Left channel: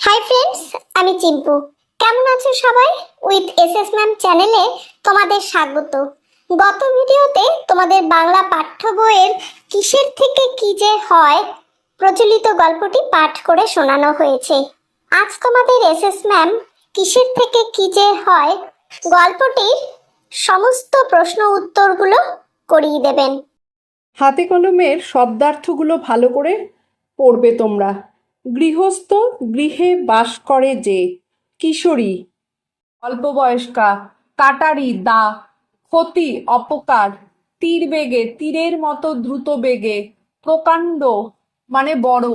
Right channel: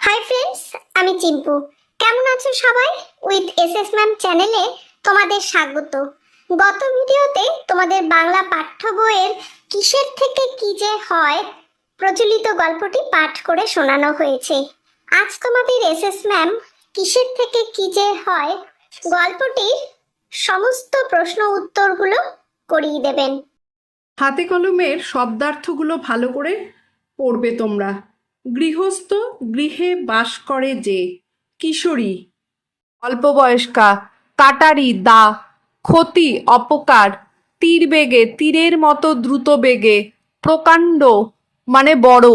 Hi friends, আমি চিম্পু। কেমন আছো সবাই? উইথ এসএস ম্যাম চ্যানেলে তোমাদের স্বাগত। গত ভিডিওতে তোমাদের বাংলা পাঠ্য বইয়ের কিসের থেকে কি যে হয় প্রচলিত গল্পটি পাঠ করে শোনানো হয়েছে। আজ তোমাদের এসএস ম্যাম কিসের থেকে কি যে হয় গল্পটির সমস্ত প্রশ্ন উত্তরগুলো করিয়ে দেবেন। হাতে কলমের শব্দার্থগুলো ভালো করে পড়বে তোমরা। গৃহস্থ, গৃহে বাস করে যে। কিশোরী, অল্পবয়স্কা। কাটারি, দা। ক্ষতি, অপকার। তীর বেগে, তীরের মতো দ্রুত বেগে। প্রকাণ্ড মানে বড়।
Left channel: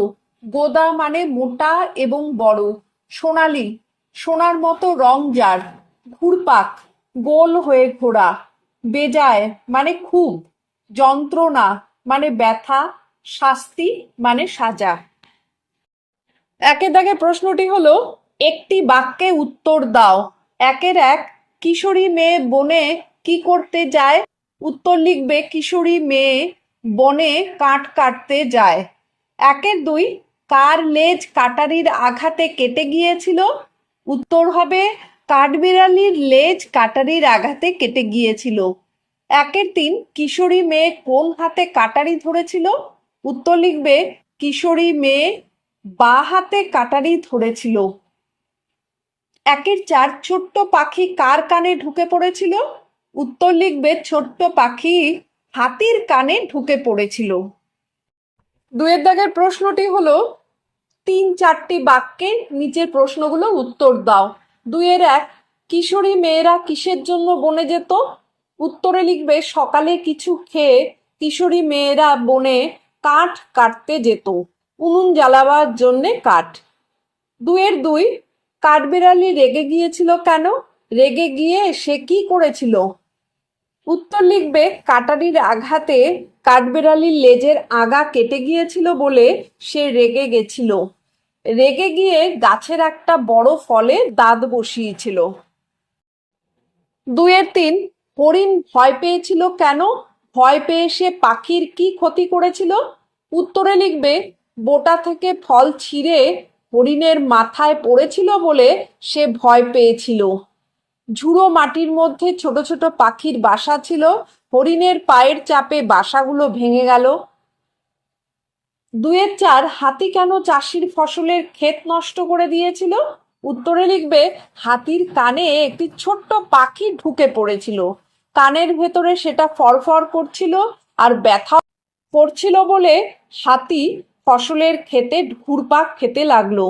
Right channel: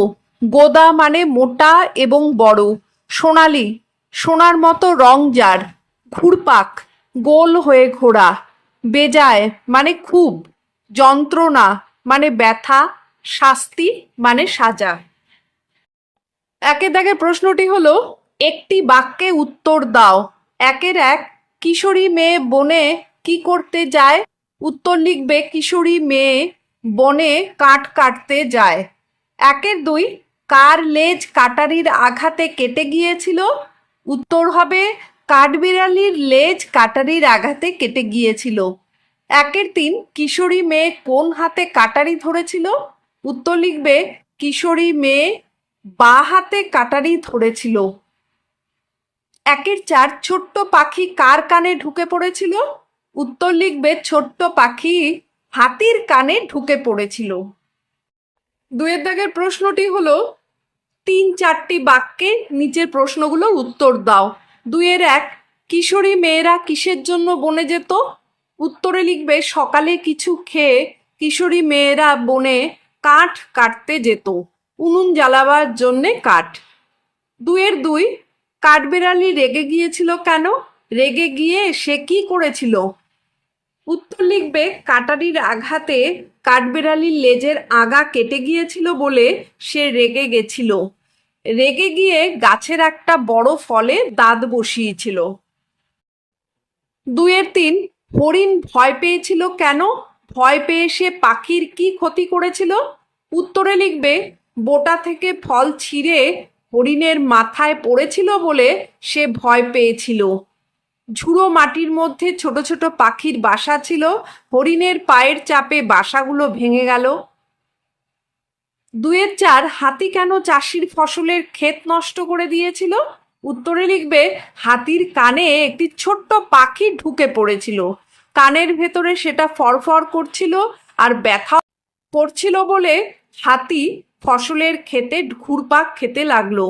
গোদা মানে মোটা এবং বড়। সোনালি, সোনার মতো রং যার। ঘুরপাক, গোল হয়ে ঘোরা। বেজায় মানে খুব। যন্ত্রণা মানে ব্যথা। শাস্তি মানে সাজা। একে দাগে প্রশ্নটি হলো, একটি বাক্যে উত্তর দাও। একের এক, কিশোরী মেয়ে বনে কি করতে যায়? উত্তর লিখবে, কিশোরী মেয়ে বনে কাঠ কাটতে যায়। একের দুই, কার লেজ কাটারির আঘাতে কেটে গিয়েছিল? উত্তর হবে, কাঠবিড়ালির লেজ কাটারির আঘাতে কেটে গিয়েছিল। একের তিন, কিশোরী মেয়ে কোন হাতে কাটারি ধরেছিল? উত্তর লিখবে, কিশোরী মেয়ে বাঁ হাতে কাটারি ধরেছিল। একের চার, ছোট্ট পাখি কার কানে ঢুকে পড়েছিল? উত্তর লিখবে, ছোট্ট পাখি হাতির কানে ঢুকে পড়েছিল। দুয়ের দাগের প্রশ্নটি হলো, 3-4টি বাক্যে নিচের প্রশ্নগুলোর উত্তর দাও। দুইয়ের এক, কিশোরী মেয়েরা কিসের জন্য বনে যেত? উত্তরে লিখবে, সকালে কিছু খেয়ে কিশোরী মেয়েরা বনে কাঠ কাটতে যেত। উনুন জ্বালাবার জন্যে কাঠ। দুইয়ের দুই, কাঠবিড়ালি রেগে গিয়েছিল কেন? রেগে গিয়ে সে কি করেছিল? উত্তর লিখবে, কাটারির আঘাতে কাঠবিড়ালির লেজের আগা কেটে গিয়েছিল বলে সে রেগে গেছিল। রেগে গিয়ে গাছের একটা বড় ফলে দাঁত বসিয়েছিল। দুইয়ের তিন, হরিণ ভয় পেয়েছিল কেন? ভয় পেয়ে সে পাখির কি ক্ষতি করেছিল? উত্তরে লিখবে, বোটা থেকে ফল ছিঁড়ে হরিণের মাথায় পড়েছিল বলে সে ভয় পেয়েছিল। ঝুড়ো মাটির মধ্যে ছোট ছোট পাখির বাসা ছিল, হরিণের পায়ের চাপে বাসাগুলো ভেঙে গেল। দুইয়ের চার, হাতি কেন চাষির ফসলের ক্ষেত নষ্ট করে দিয়েছিল? উত্তরে লিখবে, হাতির কানে একটি ছোট্ট পাখি ঢুকে পড়েছিল। কানের ভেতরে সেটা ফরফর করছিল আর ব্যথা করছিল বলে হাতি ফসলের ক্ষেতে ঘুরপাক খেতে লাগলো।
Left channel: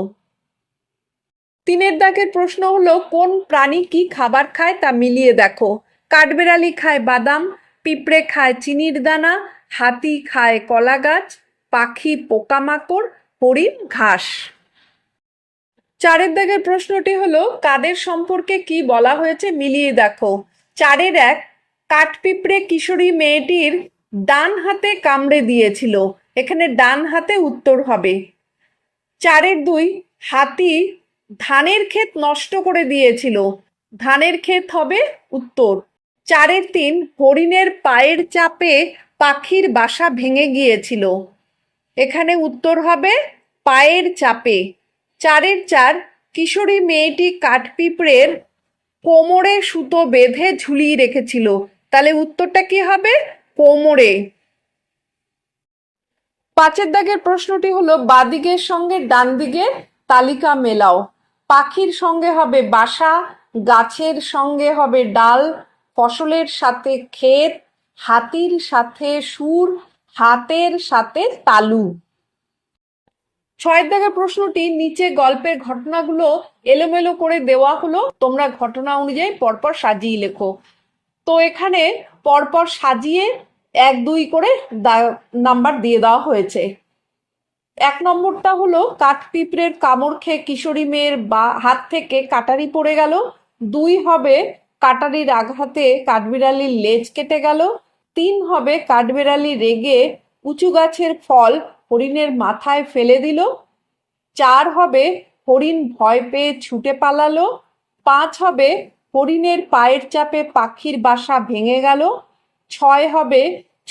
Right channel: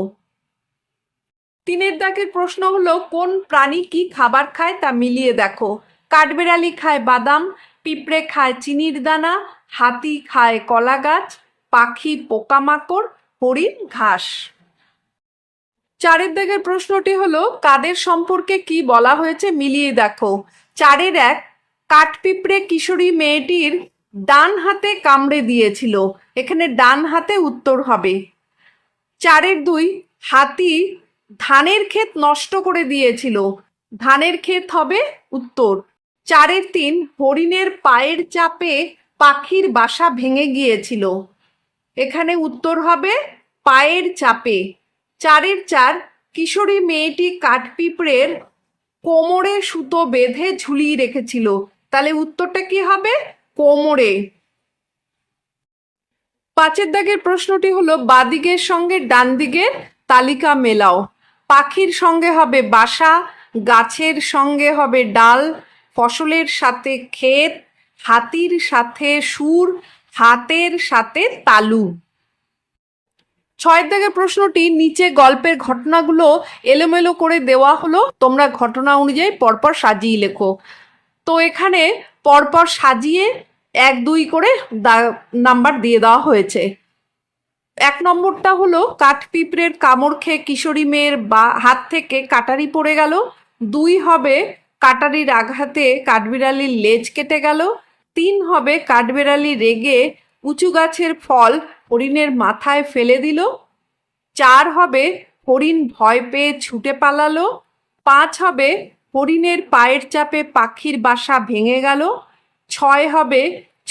তিনের দাগের প্রশ্ন হলো, কোন প্রাণী কি খাবার খায় তা মিলিয়ে দেখো। কাঠবিড়ালি খায় বাদাম, পিঁপড়ে খায় চিনির দানা, হাতি খায় কলা গাছ, পাখি পোকামাকড়, হরিণ ঘাস। চারের দাগের প্রশ্নটি হলো, কাদের সম্পর্কে কি বলা হয়েছে মিলিয়ে দেখো। চারের এক, কাঠপিঁপড়ে কিশোরী মেয়েটির ডান হাতে কামড়ে দিয়েছিল। এখানে ডান হাতে উত্তর হবে। চারের দুই, হাতি ধানের ক্ষেত নষ্ট করে দিয়েছিল। ধানের ক্ষেত হবে উত্তর। চারের তিন, হরিণের পায়ের চাপে পাখির বাসা ভেঙে গিয়েছিল। এখানে উত্তর হবে পায়ের চাপে। চারের চার, কিশোরী মেয়েটি কাঠপিঁপড়ের কোমরে সুতো বেঁধে ঝুলিয়ে রেখেছিল। তাহলে উত্তরটা কি হবে? কোমরে। পাঁচের দাগের প্রশ্নটি হলো, বাদিকের সঙ্গে ডান দিকের তালিকা মেলাও। পাখির সঙ্গে হবে বাসা, গাছের সঙ্গে হবে ডাল, ফসলের সাথে ক্ষেত, হাতির সাথে সুর, হাতের সাথে তালু। ছয়ের দাগের প্রশ্নটি, নিচে গল্পের ঘটনাগুলো এলোমেলো করে দেওয়া হলো, তোমরা ঘটনা অনুযায়ী পরপর সাজিয়ে লেখো। তো এখানে পরপর সাজিয়ে 1-2 করে নাম্বার দিয়ে দেওয়া হয়েছে। 1 নম্বরটা হলো, কাঠপিঁপড়ের কামড় খেয়ে কিশোরী মেয়ের হাত থেকে কাটারি পড়ে গেল। 2 হবে, কাটারির আঘাতে কাঠবিড়ালির লেজ কেটে গেল। 3 হবে, কাঠবিড়ালি রেগে উঁচু গাছের ফল হরিণের মাথায় ফেলে দিল। 4 হবে, হরিণ ভয় পেয়ে ছুটে পালালো। 5 হবে, হরিণের পায়ের চাপে পাখির বাসা ভেঙে গেল। 6 হবে,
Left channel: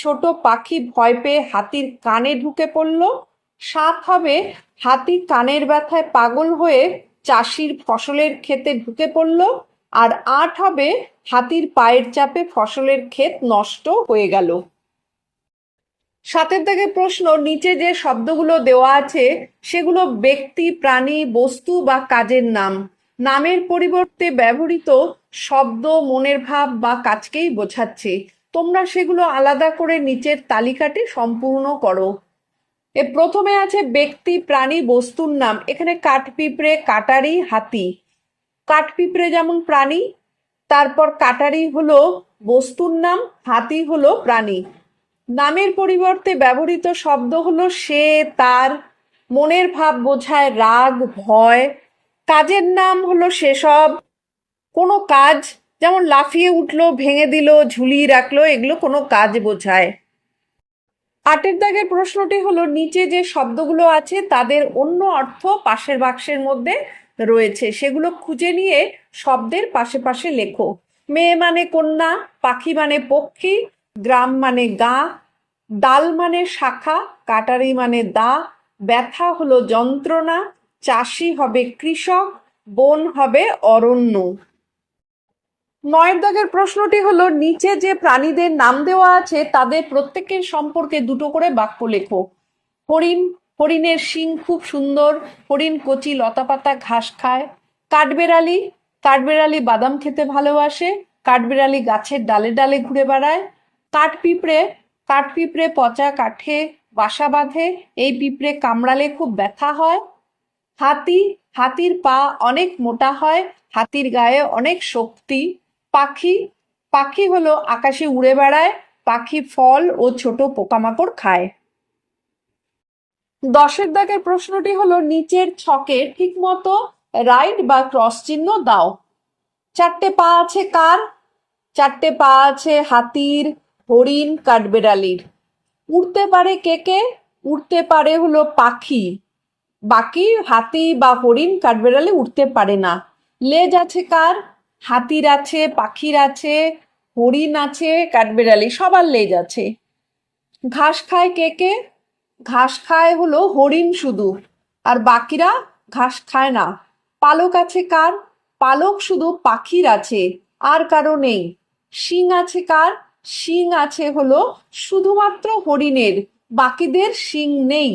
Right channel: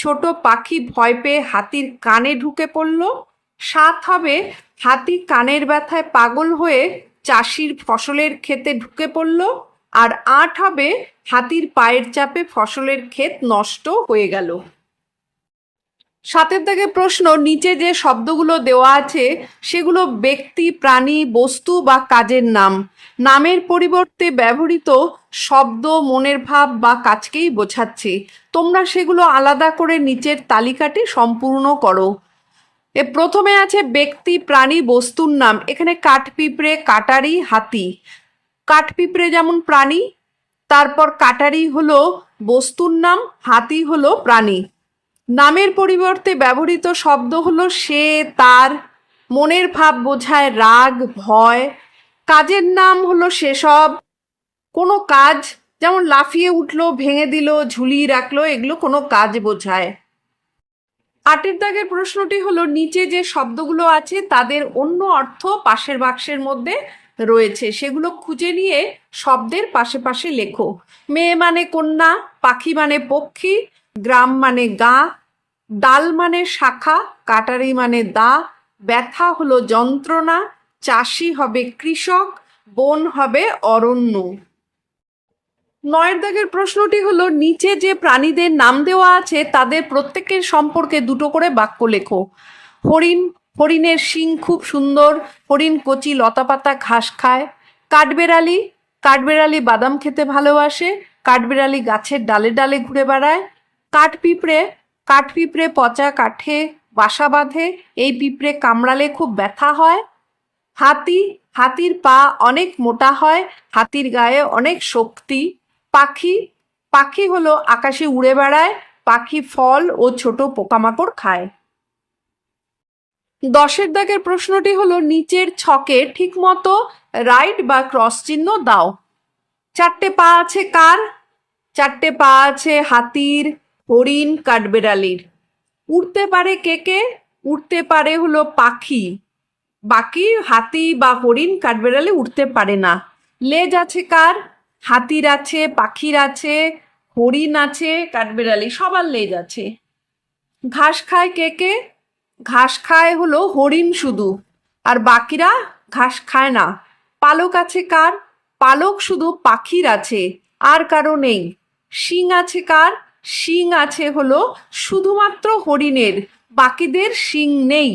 ছোট পাখি ভয় পেয়ে হাতির কানে ঢুকে পড়ল। সাত হবে হাতি কানের ব্যথায় পাগল হয়ে চাষির ফসলের ক্ষেতে ঢুকে পড়ল। আর আট হবে হাতির পায়ের চাপে ফসলের ক্ষেত নষ্ট হয়ে গেল। সাতের দাগে প্রশ্ন, নিচে যে শব্দগুলো দেওয়া আছে সেগুলো ব্যক্তি, প্রাণী, বস্তু বা কাজের নাম। নামের পরিবর্তে ব্যবহৃত শব্দ মনের ভাব বা কাজকেই বোঝাচ্ছে। তোমরা সেগুলো আলাদা করে নিচের তালিকাটি সম্পূর্ণ করো। প্রথমে আছে ব্যক্তি, প্রাণী, বস্তুর নাম। এখানে কাঠপিঁপড়ে, কাটারি, হাতি। কাঠপিঁপড়ে যেমন প্রাণী, তারপর কাটারি হলো বস্তুর নাম, হাতি হলো প্রাণী। নামের পরিবর্তে ব্যবহৃত শব্দ হলো সে, তার। মনের ভাব বোঝায় রাগ, ভয়। কাজের নাম হলো সেসব। কোনো কাজ, যেমন লাফিয়ে উঠলো, ভেঙে দিল, ঝুলিয়ে রাখলো, এগুলো কোনো কাজ বোঝায়। আটের দাগের প্রশ্নটি হলো, নিচে যে শব্দগুলো আছে তাদের অন্য অর্থ পাশের বাক্সের মধ্যে রয়েছে, সেগুলো খুঁজে নিয়ে শব্দের পাশে পাশে লেখো। মেয়ে মানে কন্যা, পাখি মানে পক্ষী, গ্রাম মানে গা, ডাল মানে শাখা, কাটারি মানে দা, ব্যথা হলো যন্ত্রণা, চাষি হবে কৃষক, বন হবে অরণ্য। নয়ের দাগের প্রশ্নটি হলো, নিচে যে প্রাণীদের নাম দেওয়া আছে তাদের প্রত্যেকের সম্পর্কে দুটো করে বাক্য লেখো। হরিণ, হরিণের শিং খুব সুন্দর, হরিণ কচি লতাপাতা ঘাস খায়। কাঠবেড়ালি, কাঠবেড়ালি বাদাম খেতে ভালোবাসে, কাঠবেড়ালি গাছের ডালে ডালে ঘুরে বেড়ায়। কাঠপিঁপড়ে, কাঠপিঁপড়ে পচা কাঠে বাসা বাঁধে, এই পিঁপড়ে কামড়ালে খুব ব্যথা হয়। হাতি, হাতির পা অনেক মোটা হয়, হাতির গায়ে অনেক শক্তি। পাখি, পাখি হলো আকাশে উড়ে বেড়ায়, পাখি ফল ও ছোট পোকামাকড় খায়। দশের দাগের প্রশ্নটি হলো, নিচের ছকে ঠিক মতো রাইট বা ক্রস চিহ্ন দাও। চারটে পা আছে কার? চারটে পা আছে হাতির, হরিণ, কাঠবেড়ালির। উড়তে পারে কে কে? উড়তে পারে হলো পাখি, বাকি হাতি বা হরিণ, কাঠবেড়ালি উড়তে পারে না। লেজ আছে কার? হাতির আছে, পাখির আছে, হরিণ আছে, কাঠবেড়ালি সবার লেজ আছে। ঘাস খায় কে কে? ঘাস খায় হলো হরিণ শুধু, আর বাকিরা ঘাস খায় না। পালক আছে কার? পালক শুধু পাখির আছে, আর কারো নেই। শিং আছে কার? শিং আছে হলো শুধুমাত্র হরিণের, বাকিদের শিং নেই।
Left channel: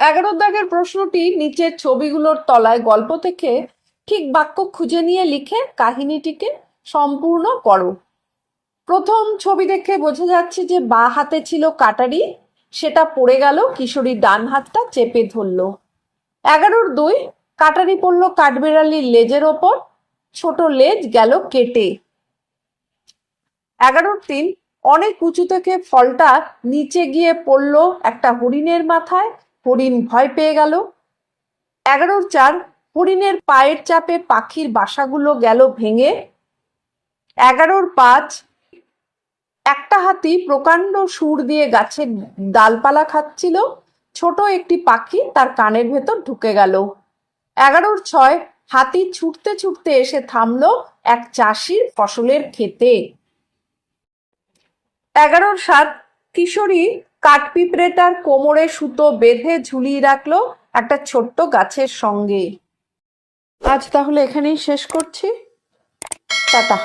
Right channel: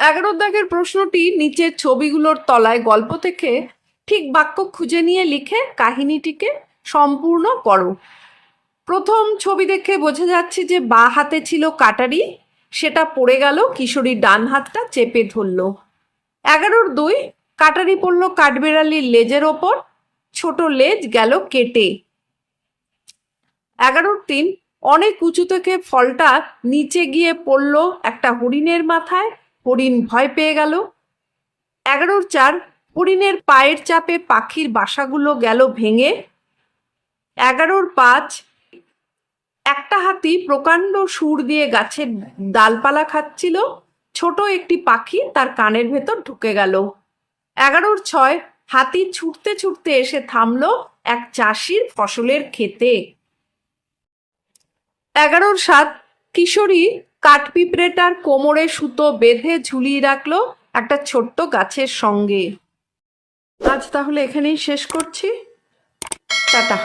11 দাগের প্রশ্নটি, নিচের ছবিগুলোর তলায় গল্প থেকে ঠিক বাক্য খুঁজে নিয়ে লিখে কাহিনীটিকে সম্পূর্ণ করো। প্রথম ছবি দেখে বোঝা যাচ্ছে যে বাঁ হাতে ছিল কাটারি, সেটা পড়ে গেল, কিশোরীর ডান হাতটা চেপে ধরল। 11-2, কাটারি পড়ল কাঠবেড়ালির লেজের ওপর, ছোট লেজ গেল কেটে। 11-3, অনেক উঁচু থেকে ফলটা নিচে গিয়ে পড়ল একটা হরিণের মাথায়, হরিণ ভয় পেয়ে গেল। 11-4, হরিণের পায়ের চাপে পাখির বাসাগুলো গেল ভেঙে। 11-5, একটা হাতি প্রকাণ্ড সুর দিয়ে গাছের ডালপালা খাচ্ছিল, ছোট একটি পাখি তার কানের ভেতর ঢুকে গেল। 11-6, হাতি ছুটতে ছুটতে এসে থামলো এক চাষির ফসলের ক্ষেতে। 11-7, কিশোরী কাঠপিঁপড়েটার কোমরে সুতো বেঁধে ঝুলিয়ে রাখলো একটা ছোট্ট গাছের সঙ্গে। আজ তাহলে এখানেই শেষ করছি। টাটা।